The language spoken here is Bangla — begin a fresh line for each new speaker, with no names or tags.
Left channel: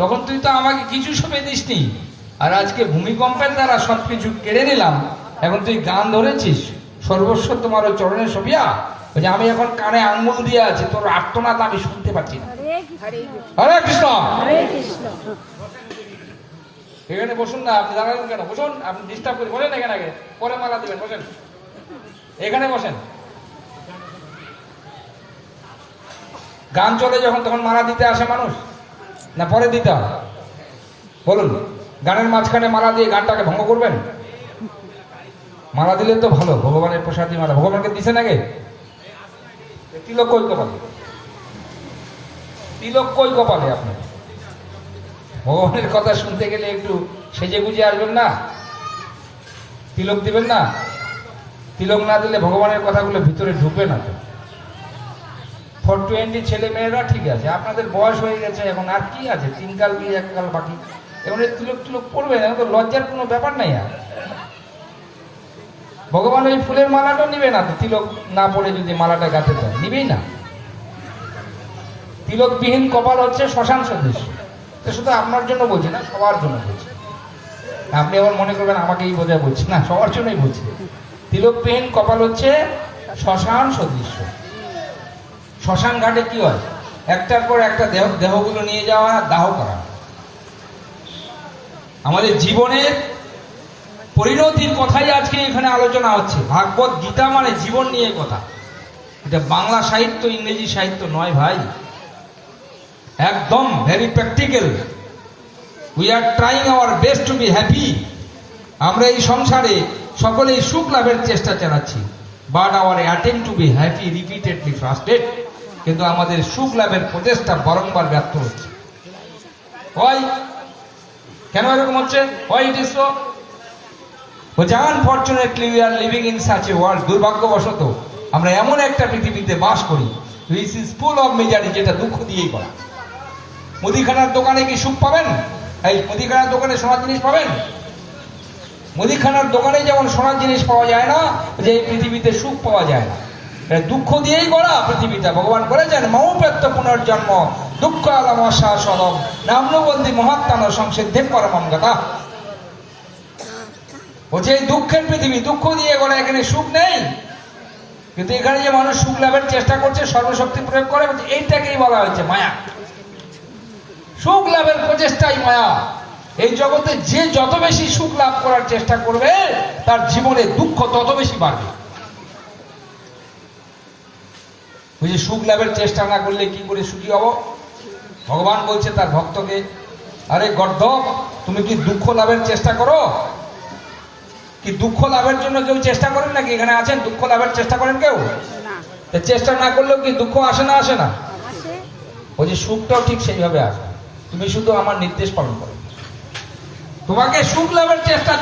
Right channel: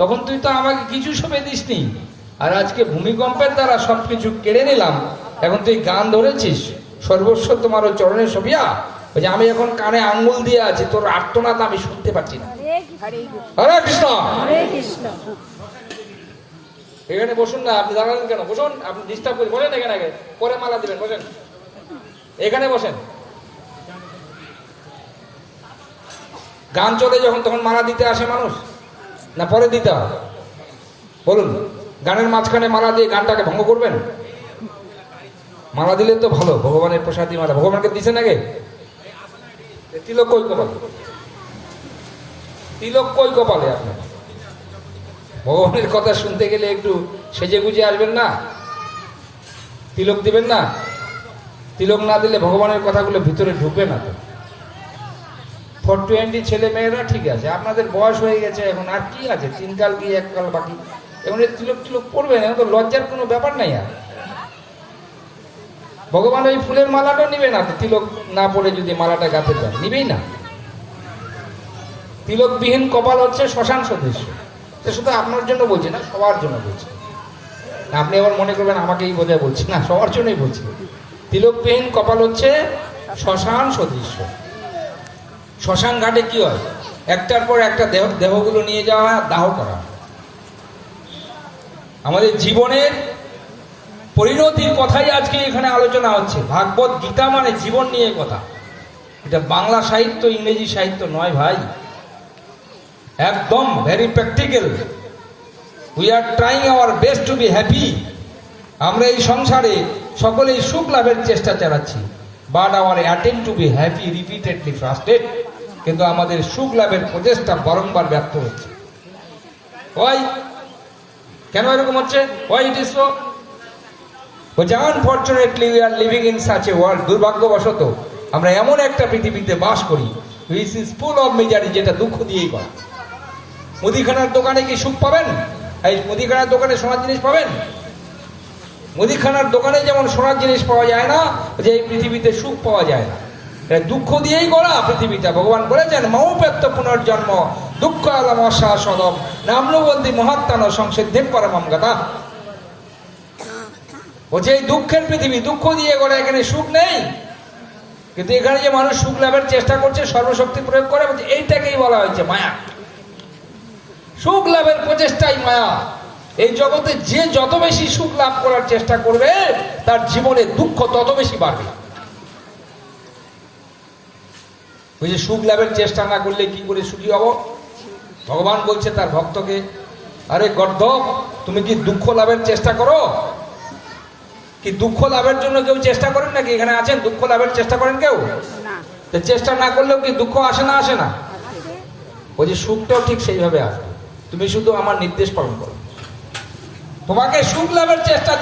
তখন তুই তো আমাকে কিছু সবে দিসনি। আর আজকে ভূমিকম্পের দ্বারা সবকিছু কেড়ে নিলাম। এখন তুই গান ধরেছিস? সর্বস্ব তোমার ওই চরণের ওই যে আমি এখন কানে আঙ্গুল দিয়ে আছি তোর আর্তনাদ আমি শুনতে পাচ্ছি না। হরে কৃষ্ণ।
হরে কৃষ্ণ।
এখানে বসুন না আপনি দাঁড়ালেন কেন? বসুন আপনি ডিস্টার্ব করে বলেন এখানে আগে। পরে মালা দিবেন বসেন। এখানে বসেন। গান চলে যখন তখন মালা দিতে আসে মানুষ। না পরে দিতে হয় বলুন, গানের মাঝখানে মালা দিয়ে গানটাকে ভঙ্গ করবেন? মালা দিলে তো ভালো, ভগবানের প্রসাদী মালা। ভগবানকে দিছেন আগে? তিলক কই কপালে? তিলক কই কপালে আপনার? ভগবানের কথা শুনতে গেলে একটু সেজে গুজে আসবেন না? তিলক দিবেন না? তিলক না দিলে ভগবানের কথাগুলো ভিতরে ঢুকবে না তো। ফোর টোয়েন্টি ছেলে মেয়েরা ঠিক আছে, আপনাদের বয়স হয়ে গেছে এখন, আর কি আছে? তিন কাল কি এক কাল বাকি। এই তিলক তিলক পড়বে না, তো লজ্জার কোনো ব্যাপার নাই আর। ভগবান ওই ফুলের মালাটা নিবে না, তো তিলক না পড়ে যদি মালাটা গাতে দেয়, নিবেই না। তিলকবিহীন কপাল হচ্ছে শ্মশান সদৃশ্য তো শুধু আপনার জন্য বলছি না, সবার জন্য বলছি। আপনি আবার মনে করবেন আমাকেই বোঝায় বলছি না, সবার জন্যই বলছি। তিলকবিহীন কপাল হচ্ছে শ্মশান সদৃশ্য শ্মশান ঘাটে কি হয়? একটার পর একটা দেহ, দেহগুলো নিয়ে যাওয়া, দাহ করা। আমাদের জীবনের পরিণতির কথাই আজকে এখানে আলোচনা হচ্ছে। ভাগবত গীতা মানে জীবন নিয়ে কথা। এটা বাংলা সাহিত্য, ইংরেজি সাহিত্য নয় ভাই। একদম very practical we are trying our best to be happy আমরা এই সংসারে সকলেই সুখ লাভের চেষ্টা চালাচ্ছি। But our attempt to be happy repeatedly frustrated কিন্তু আমাদের সুখ লাভের প্রচেষ্টা বারংবার ব্যর্থ হচ্ছে। ওই কেন এরকম হচ্ছে? ইজ সো বলছে unfortunately we are living in such a world দুর্ভাগ্যবশত আমরা এমন একটা পৃথিবীতে বাস করি which is full of misery যেটা দুঃখ দিয়েই করা। মুদিখানার দোকানে কি সুখ পাবেন? এই মুদিখানার দোকানে সোনার জিনিস পাবেন? মুদিখানার দোকানে যেমন সোনার জিনিস পাওয়া যায় না, যে এই পৃথিবীতে সুখ পাওয়া যায় না। দুঃখ দিয়েই গড়া পৃথিবীটা। ভগবান বলেছেন মৌপেত্য পুনর্জন্ম, দুঃখ আলাম অশাসনম, নামনবন্দি মহাত্মান সংসিদ্ধের পরমম কথা বলছে, এই দুঃখের পৃথিবী, দুঃখ দিয়ে গড়ে, এখানে সুখ নেই। কিন্তু এখানে যে মানুষ সুখ লাভের চেষ্টা করছে, সর্বশক্তি প্রয়োগ করে এইটাকেই বলা হয়েছে মায়া। সুখ লাভের প্রচেষ্টাই মায়া। এই জগতে যে যত বেশি সুখ লাভ করার চেষ্টা করবে, তার জীবনে দুঃখ তত বেশি বাড়বে। ওই যে সুখ লাভের চেষ্টা না করলে কি করে সুখী হব? ভগবান বলছে তার ভক্তকে আরে গর্ধব তুমি কি দুঃখ লাভের চেষ্টা করো? কি দুঃখ লাভের জন্য কেউ চেষ্টা করেন নাকি? এখানে আছেন? দুঃখ লাভের চেষ্টা করেন কেউ? চেষ্টা না করলেও কি দুঃখ আসে না আসে না? ওই যে সুখটাও ঠিক সেইভাবে আসবে তুমি শুধু আমার নির্দেশ পালন করো। তোমাকে সুখ লাভের চেষ্টা